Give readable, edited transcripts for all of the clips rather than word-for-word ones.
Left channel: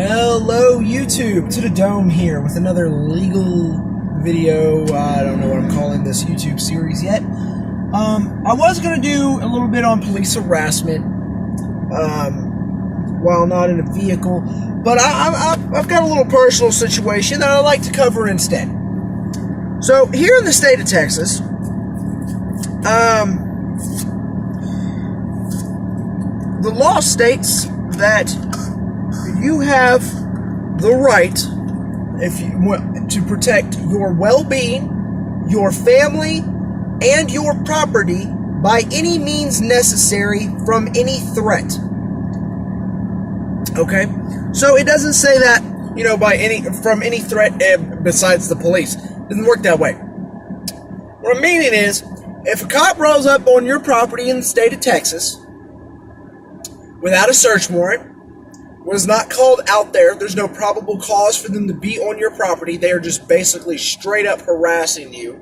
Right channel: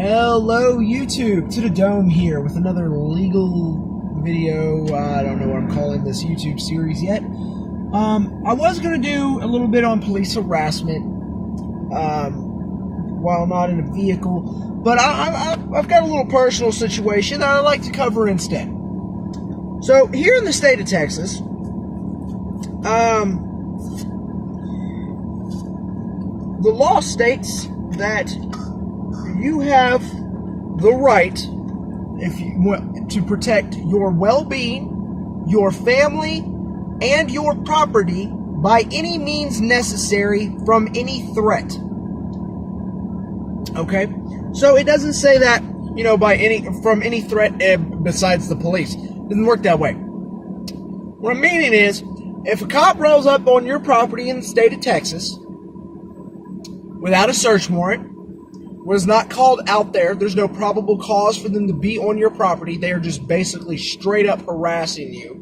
Hello YouTube, to the dome here with another legal video. I don't know what I'm calling this YouTube series yet. I was going to do a little bit on police harassment while not in a vehicle, but I've got a little personal situation that I'd like to cover instead. So here in the state of Texas, the law states that you have the right, to protect your well-being, your family, and your property by any means necessary from any threat. Okay, so it doesn't say that from any threat besides the police. It doesn't work that way. What I'm meaning is, if a cop rolls up on your property in the state of Texas without a search warrant, was not called out there, there's no probable cause for them to be on your property, they are just basically straight up harassing you.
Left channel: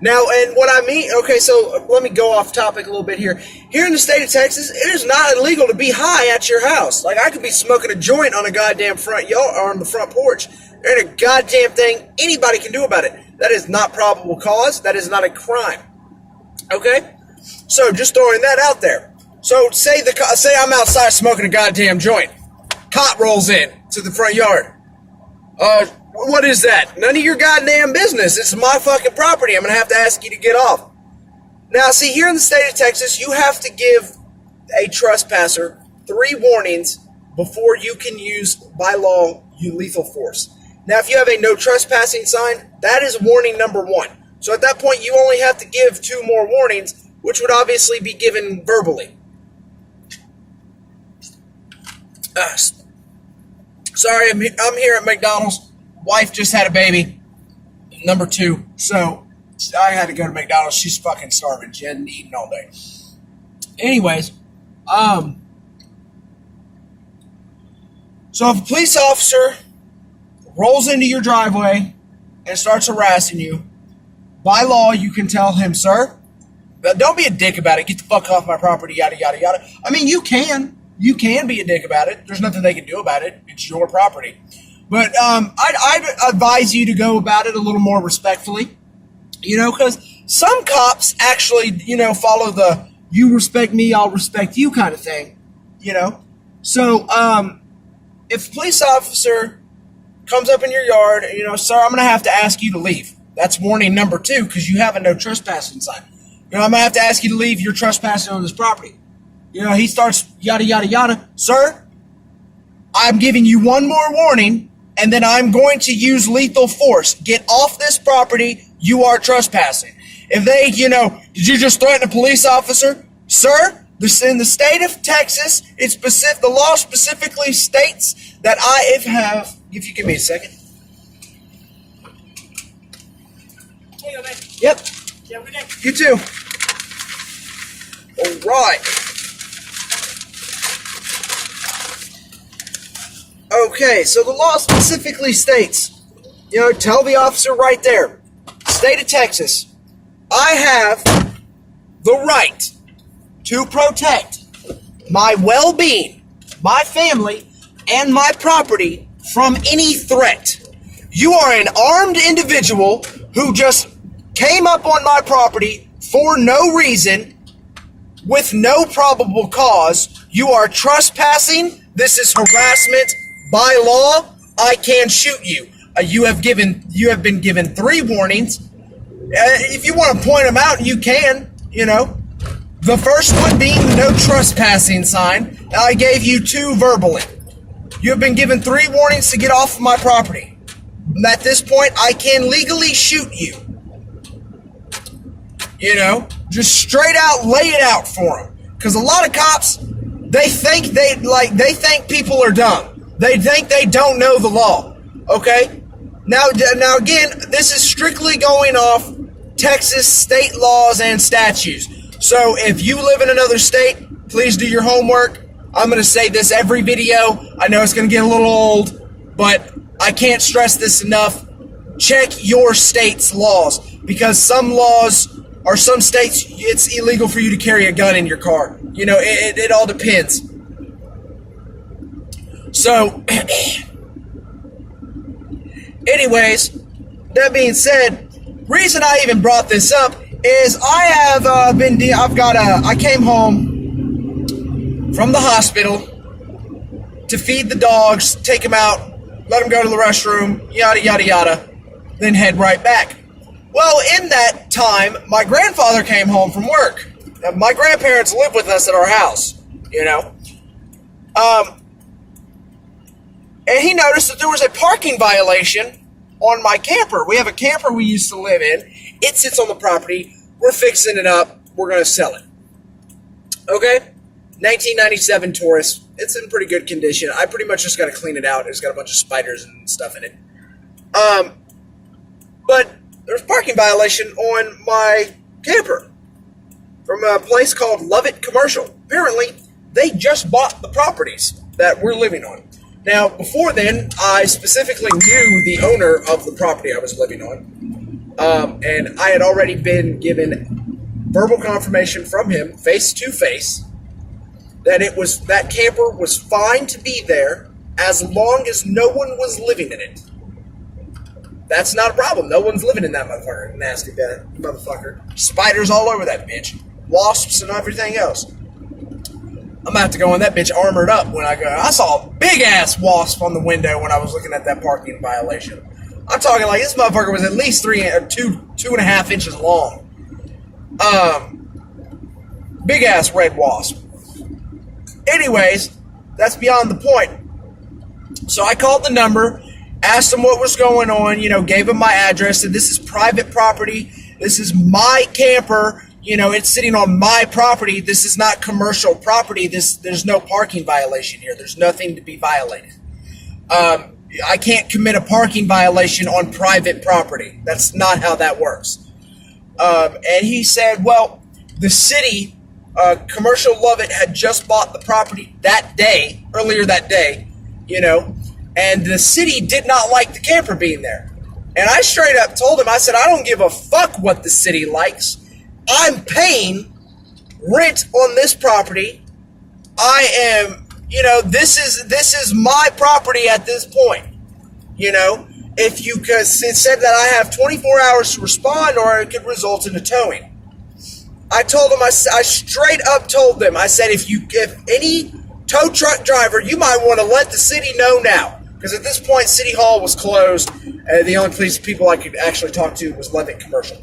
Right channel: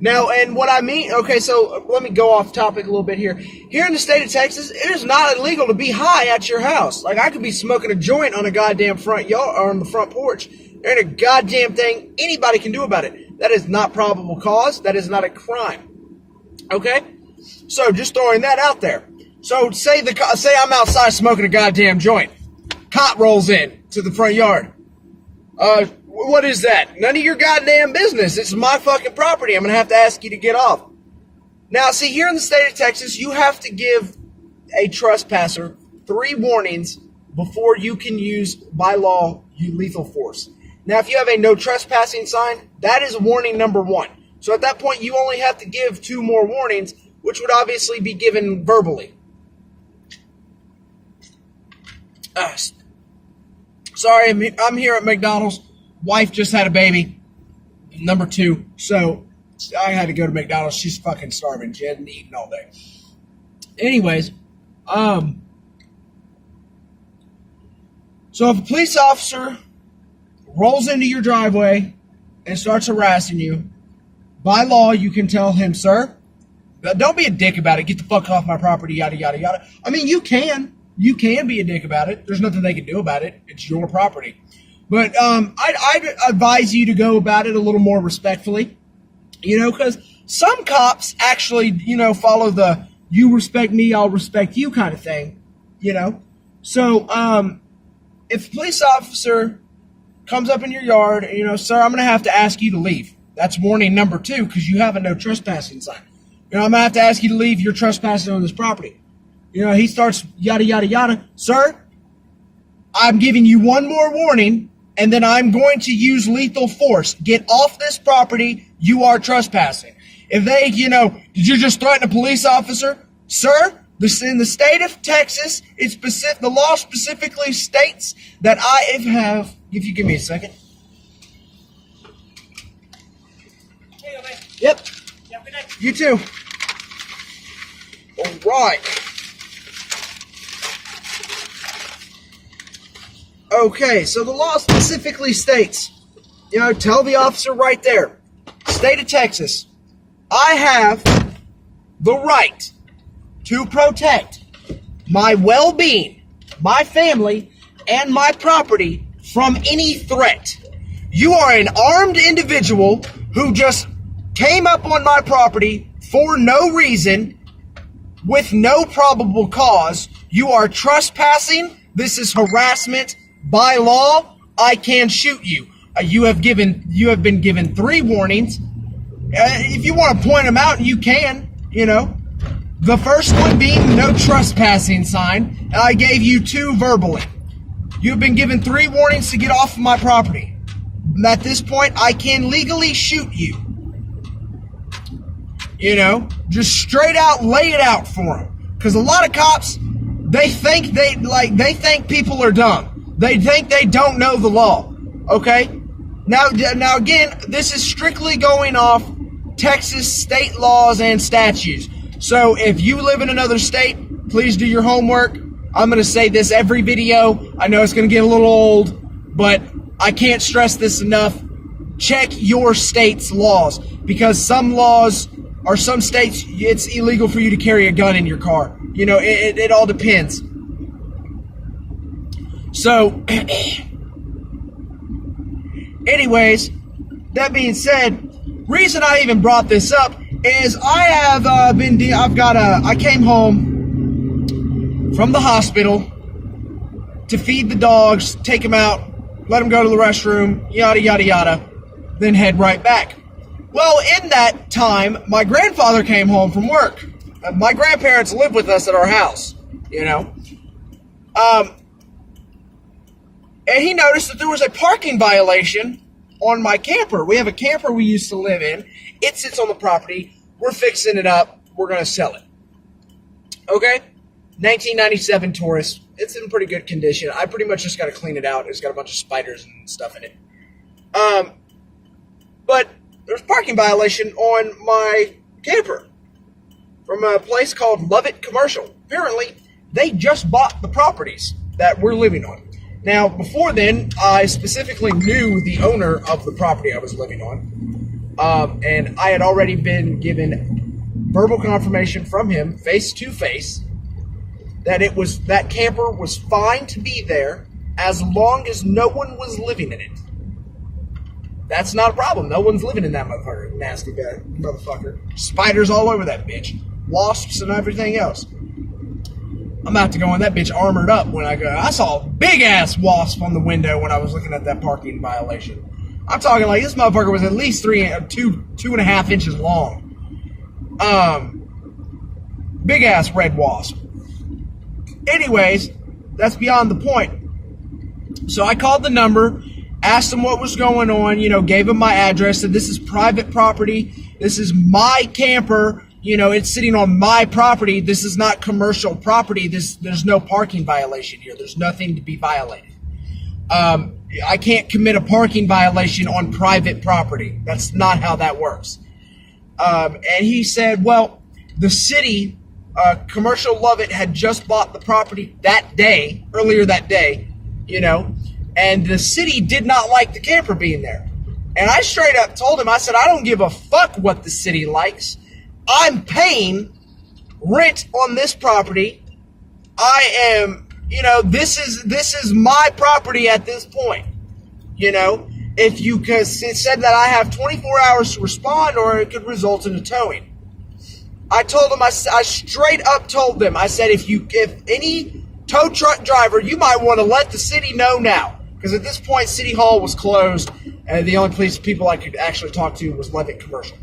Now, and what I mean, okay, so let me go off topic a little bit here. Here in the state of Texas, it is not illegal to be high at your house. Like, I could be smoking a joint on a goddamn front yard, or on the front porch. There ain't a goddamn thing anybody can do about it. That is not probable cause. That is not a crime. Okay? So, just throwing that out there. So, say I'm outside smoking a goddamn joint. Cop rolls in to the front yard. What is that? None of your goddamn business. It's my fucking property. I'm going to have to ask you to get off. Now, see, here in the state of Texas, you have to give a trespasser 3 warnings before you can use, by law, lethal force. Now, if you have a no trespassing sign, that is warning number 1. So at that point, you only have to give 2 more warnings, which would obviously be given verbally. Sorry, I'm here at McDonald's. Wife just had a baby, number 2, so I had to go to McDonald's. She's fucking starving. She hadn't eaten all day. Anyways, so if a police officer rolls into your driveway and starts harassing you, by law, you can tell him, sir, but don't be a dick about it. Get the fuck off my property, yada, yada, yada. I mean, you can. You can be a dick about it. There's nothing they can do about it. It's your property. But I'd advise you to go about it a little more respectfully, because some cops actually, follow the you respect me, I'll respect you kind of thing, So if a police officer comes up in your yard, sir, I'm going to have to ask you to leave. That's warning number 2 because you have a no trespassing sign. I'm going to have to ask you to leave. You're trespassing on this property. He starts yada, yada, yada. Sir, I'm giving you 1 more warning, and then I'm going to use lethal force. Get off this property. You are trespassing. If they, did you just threaten a police officer? Sir, in the state of Texas, the law specifically states that if you give me a second. Hey, man. Yep. You have a good day. You too. All right. Okay, so the law specifically states, tell the officer right there, state of Texas, I have the right to protect my well-being, my family, and my property from any threat. You are an armed individual who just came up on my property for no reason, with no probable cause. You are trespassing. This is harassment. By law, I can shoot you. You have been given 3 warnings. If you want to point them out, you can. The first one being no trespassing sign. I gave you 2 verbally. You have been given 3 warnings to get off of my property. At this point, I can legally shoot you. Just straight out lay it out for them. Because a lot of cops, they think people are dumb. They think they don't know the law, okay? Now again, this is strictly going off Texas state laws and statutes. So if you live in another state, please do your homework. I'm going to say this every video. I know it's going to get a little old, but I can't stress this enough. Check your state's laws, because some laws or some states, it's illegal for you to carry a gun in your car. It all depends. So, anyways, that being said, reason I even brought this up is I came home from the hospital to feed the dogs, take them out, let them go to the restroom, yada, yada, yada, then head right back. Well, in that time, my grandfather came home from work. My grandparents live with us at our house, you know. And he noticed that there was a parking violation on my camper. We have a camper we used to live in. It sits on the property. We're fixing it up. We're going to sell it. Okay? 1997 Taurus. It's in pretty good condition. I pretty much just got to clean it out. It's got a bunch of spiders and stuff in it. But there's a parking violation on my camper from a place called Lovett Commercial. Apparently, they just bought the properties that we're living on. Now, before then, I specifically knew the owner of the property I was living on. And I had already been given verbal confirmation from him, face to face, that that camper was fine to be there as long as no one was living in it. That's not a problem. No one's living in that motherfucker. Nasty bad motherfucker. Spiders all over that bitch. Wasps and everything else. I'm about to go in that bitch armored up when I go. I saw a big-ass wasp on the window when I was looking at that parking violation. I'm talking like this motherfucker was at least 2.5 inches long. Big-ass red wasp. Anyways, that's beyond the point. So I called the number, asked him what was going on, gave him my address, said this is private property, this is my camper, it's sitting on my property, this is not commercial property, there's no parking violation here, there's nothing to be violated. I can't commit a parking violation on private property. That's not how that works. And he said, well, the city, Commercial Lovett had just bought the property earlier that day, and the city did not like the camper being there. And I straight up told him, I said, I don't give a fuck what the city likes. I'm paying rent on this property. I am, this is my property at this point. Because it said that I have 24 hours to respond or it could result in a towing. I told him, I straight up told them, I said, if any tow truck driver, you might want to let the city know now. Because at this point, City Hall was closed, and the only people I could actually talk to was Levitt Commercial.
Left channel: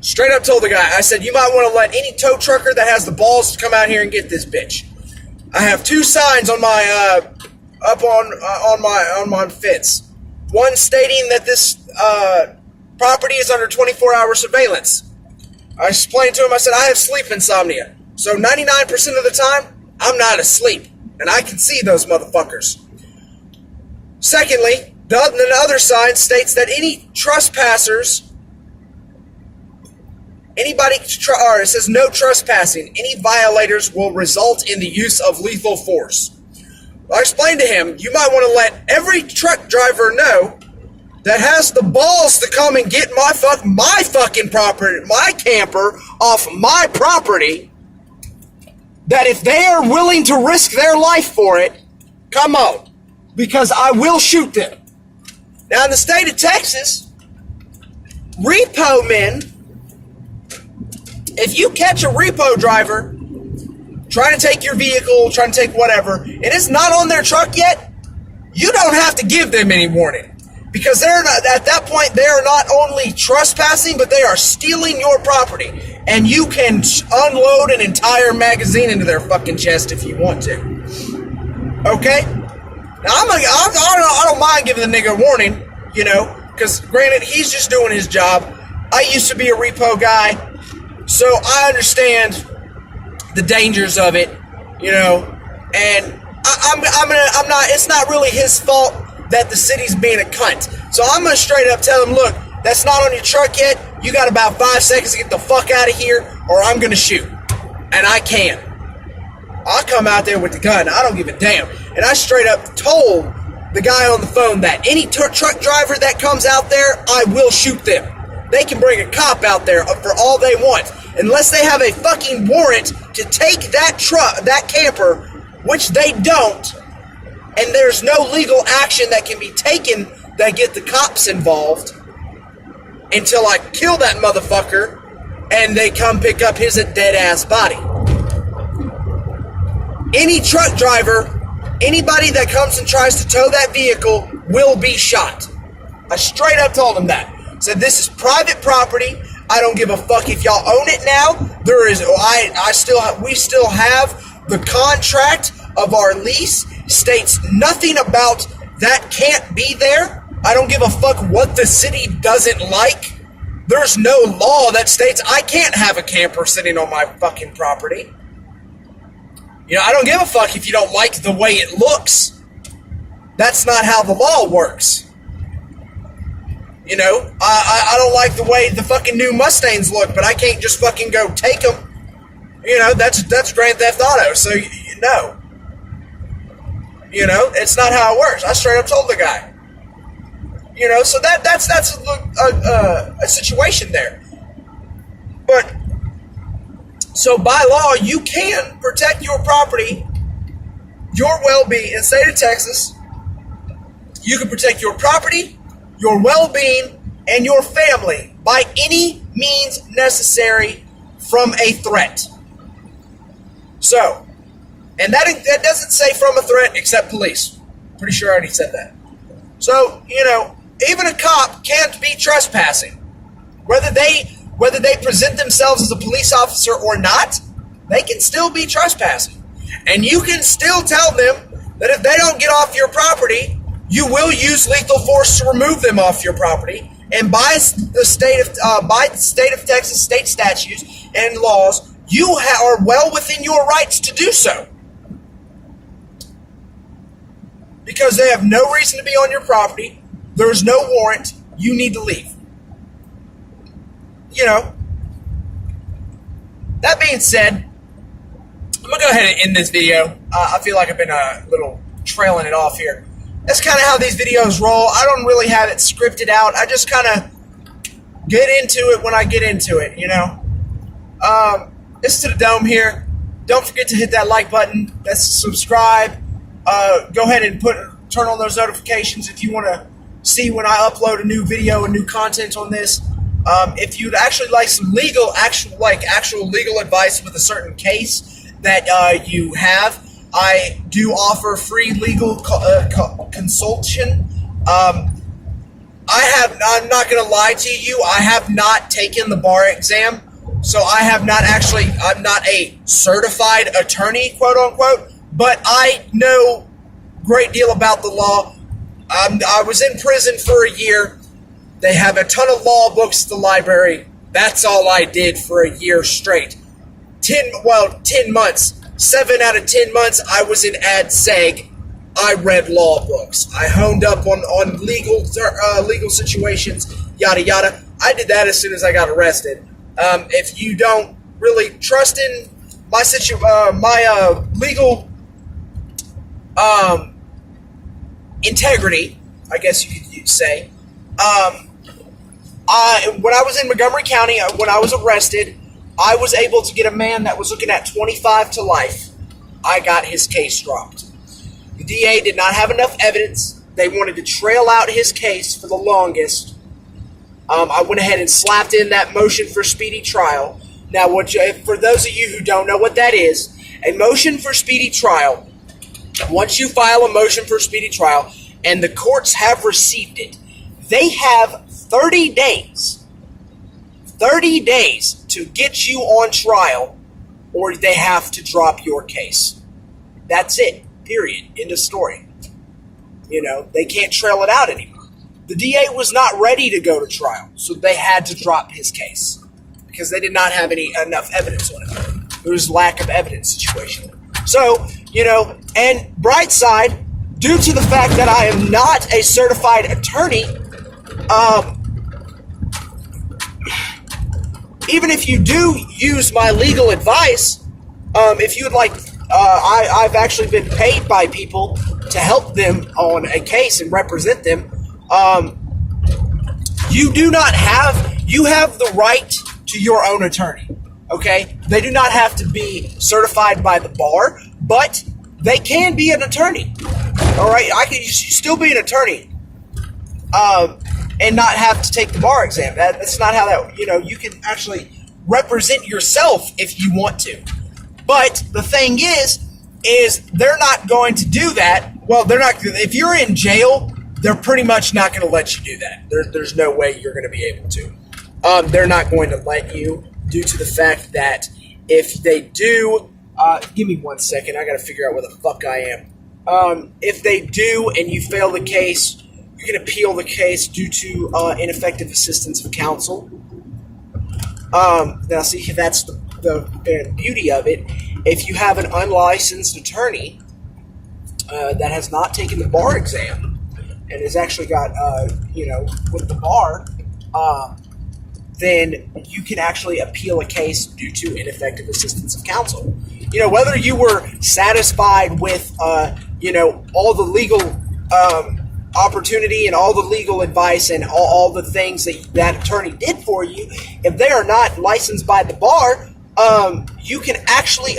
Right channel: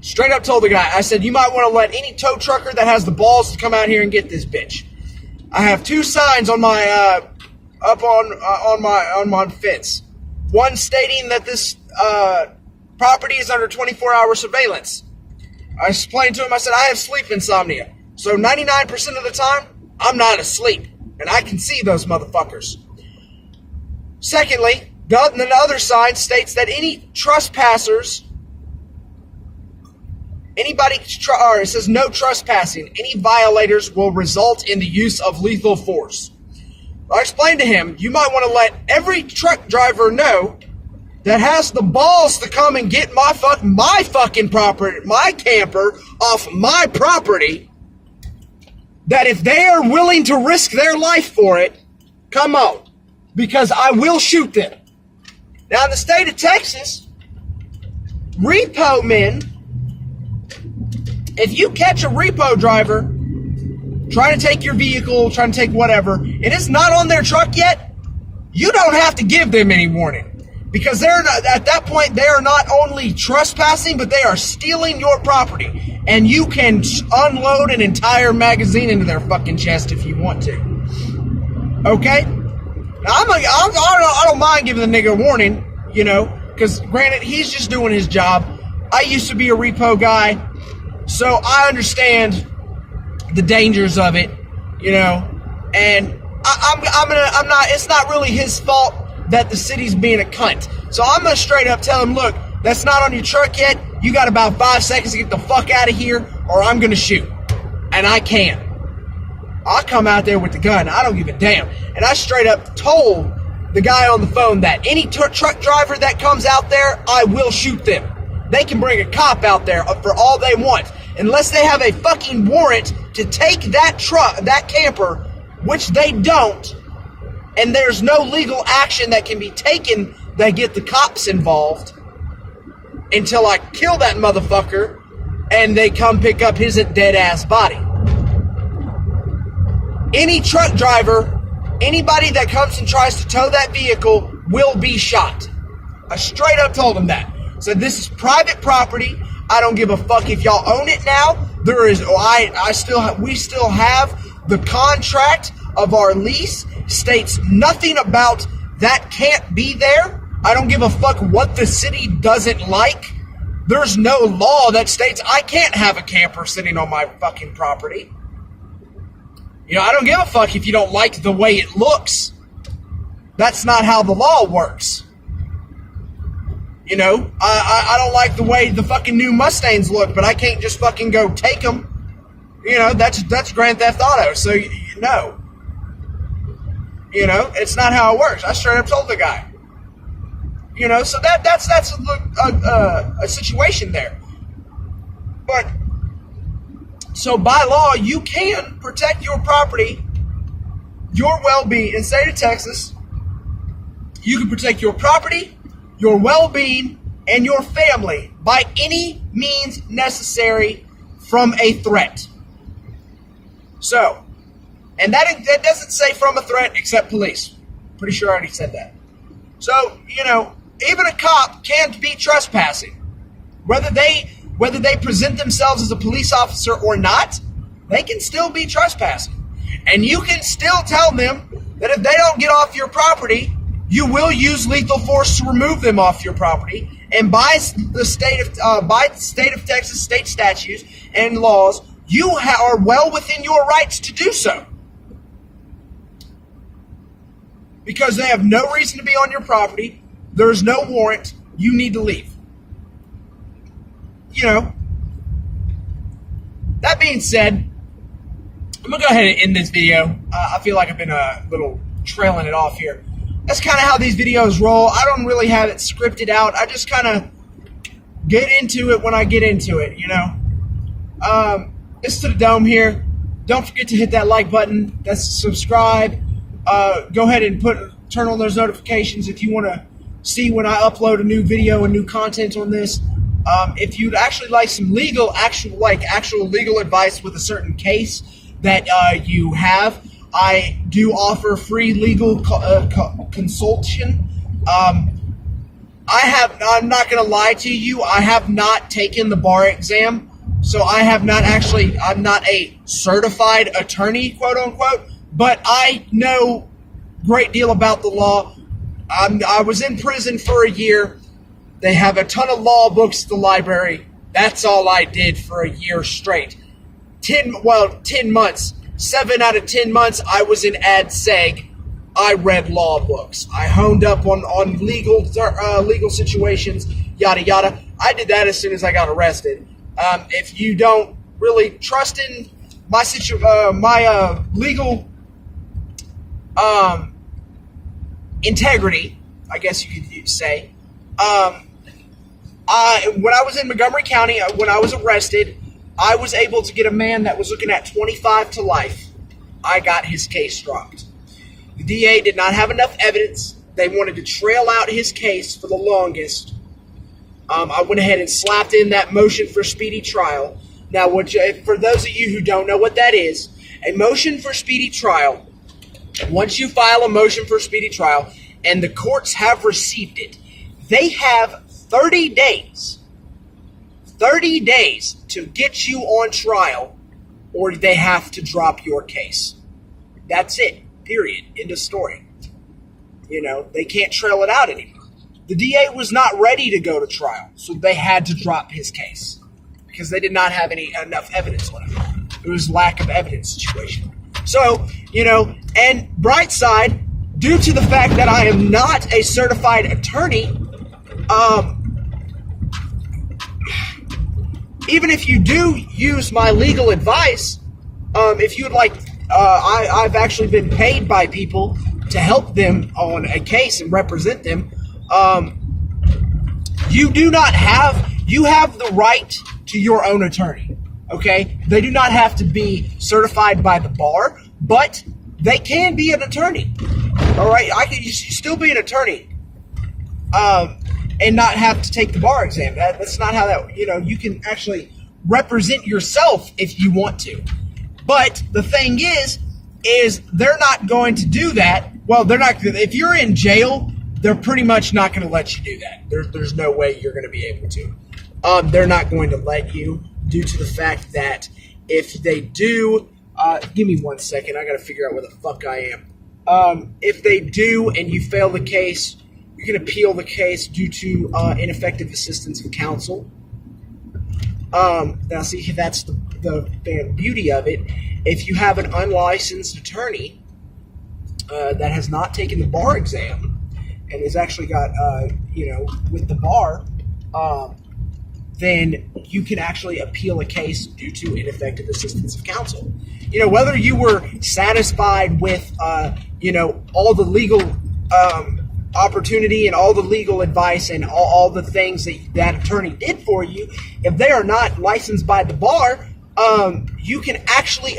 Straight up told the guy, I said, you might want to let any tow trucker that has the balls to come out here and get this bitch. I have 2 signs on my, up on my fence. One stating that this, property is under 24-hour surveillance. I explained to him, I said, I have sleep insomnia. So 99% of the time, I'm not asleep. And I can see those motherfuckers. Secondly, the other sign states that any trespassers, it says no trespassing. Any violators will result in the use of lethal force. I explained to him, you might want to let every truck driver know that has the balls to come and get my fucking property, my camper off my property, that if they are willing to risk their life for it, come on, because I will shoot them. Now in the state of Texas, repo men, if you catch a repo driver trying to take your vehicle, trying to take whatever, and it's not on their truck yet, you don't have to give them any warning. Because they're not, at that point, they are not only trespassing, but they are stealing your property. And you can unload an entire magazine into their fucking chest if you want to. Okay? Now, I don't mind giving the nigga a warning, because granted, he's just doing his job. I used to be a repo guy, so I understand the dangers of it, and I'm not, it's not really his fault that the city's being a cunt. So I'm going to straight up tell him, look, that's not on your truck yet. You got about 5 seconds to get the fuck out of here, or I'm going to shoot. And I can. I'll come out there with the gun. I don't give a damn. And I straight up told the guy on the phone that any truck driver that comes out there, I will shoot them. They can bring a cop out there for all they want. Unless they have a fucking warrant to take that camper, which they don't, and there's no legal action that can be taken that get the cops involved until I kill that motherfucker and they come pick up his dead-ass body. Any truck driver, anybody that comes and tries to tow that vehicle will be shot. I straight up told him that. Said, this is private property. I don't give a fuck if y'all own it now. We still have the contract of our lease. States nothing about that can't be there. I don't give a fuck what the city doesn't like. There's no law that states I can't have a camper sitting on my fucking property. You know, I don't give a fuck if you don't like the way it looks. That's not how the law works. You know, I don't like the way the fucking new Mustangs look, but I can't just fucking go take them. You know, that's Grand Theft Auto, so no. You know, it's not how it works. I straight up told the guy. You know, so that's a situation there. But, so by law, you can protect your property, your well-being in the state of Texas. You can protect your property, your well-being, and your family by any means necessary from a threat. So, and that doesn't say from a threat except police. Pretty sure I already said that. So, you know, even a cop can be trespassing. Whether they present themselves as a police officer or not, they can still be trespassing. And you can still tell them that if they don't get off your property, you will use lethal force to remove them off your property. And by the state of Texas state statutes and laws, you are well within your rights to do so. Because they have no reason to be on your property. There's no warrant. You need to leave. You know. That being said, I'm going to go ahead and end this video. I feel like I've been a little trailing it off here. That's kind of how these videos roll. I don't really have it scripted out. I just kind of get into it when I get into it, you know. It's to the Dome here. Don't forget to hit that like button. That's subscribe. Go ahead and turn on those notifications if you want to see when I upload a new video and new content on this. If you'd actually like some actual legal advice with a certain case that you have, I do offer free legal consultation. I'm not going to lie to you. I have not taken the bar exam, so I'm not a certified attorney, quote unquote, but I know a great deal about the law. I was in prison for a year. They have a ton of law books at the library. That's all I did for a year straight. 10 months. 7 out of 10 months, I was in ad seg. I read law books. I honed up on legal situations, yada yada. I did that as soon as I got arrested. If you don't really trust in my legal integrity, I guess you could say. When I was in Montgomery County, when I was arrested, I was able to get a man that was looking at 25 to life. I got his case dropped. The DA did not have enough evidence. They wanted to trail out his case for the longest. I went ahead and slapped in that motion for speedy trial. Now, for those of you who don't know what that is, a motion for speedy trial, once you file a motion for speedy trial and the courts have received it, they have 30 days to get you on trial, or they have to drop your case. That's it. Period. End of story. You know, they can't trail it out anymore. The DA was not ready to go to trial, so they had to drop his case because they did not have enough evidence on it. It was lack of evidence situation. So, you know, and bright side, due to the fact that I am not a certified attorney, even if you do use my legal advice, if you would like, I've actually been paid by people to help them on a case and represent them. You have the right to your own attorney, okay? They do not have to be certified by the bar, but they can be an attorney. All right, I can still be an attorney, and not have to take the bar exam. That's not how that. You can actually represent yourself if you want to. But the thing is they're not going to do that. Well, they're not. If you're in jail, they're pretty much not going to let you do that. There's no way you're going to be able to. They're not going to let you, due to the fact that if they do, give me 1 second. I got to figure out where the fuck I am. If they do and you fail the case, you can appeal the case due to ineffective assistance of counsel. Now, see, that's the beauty of it. If you have an unlicensed attorney that has not taken the bar exam and has actually got, with the bar, then you can actually appeal a case due to ineffective assistance of counsel. Whether you were satisfied with, all the legal opportunity and all the legal advice and all the things that attorney did for you, if they are not licensed by the bar, you can actually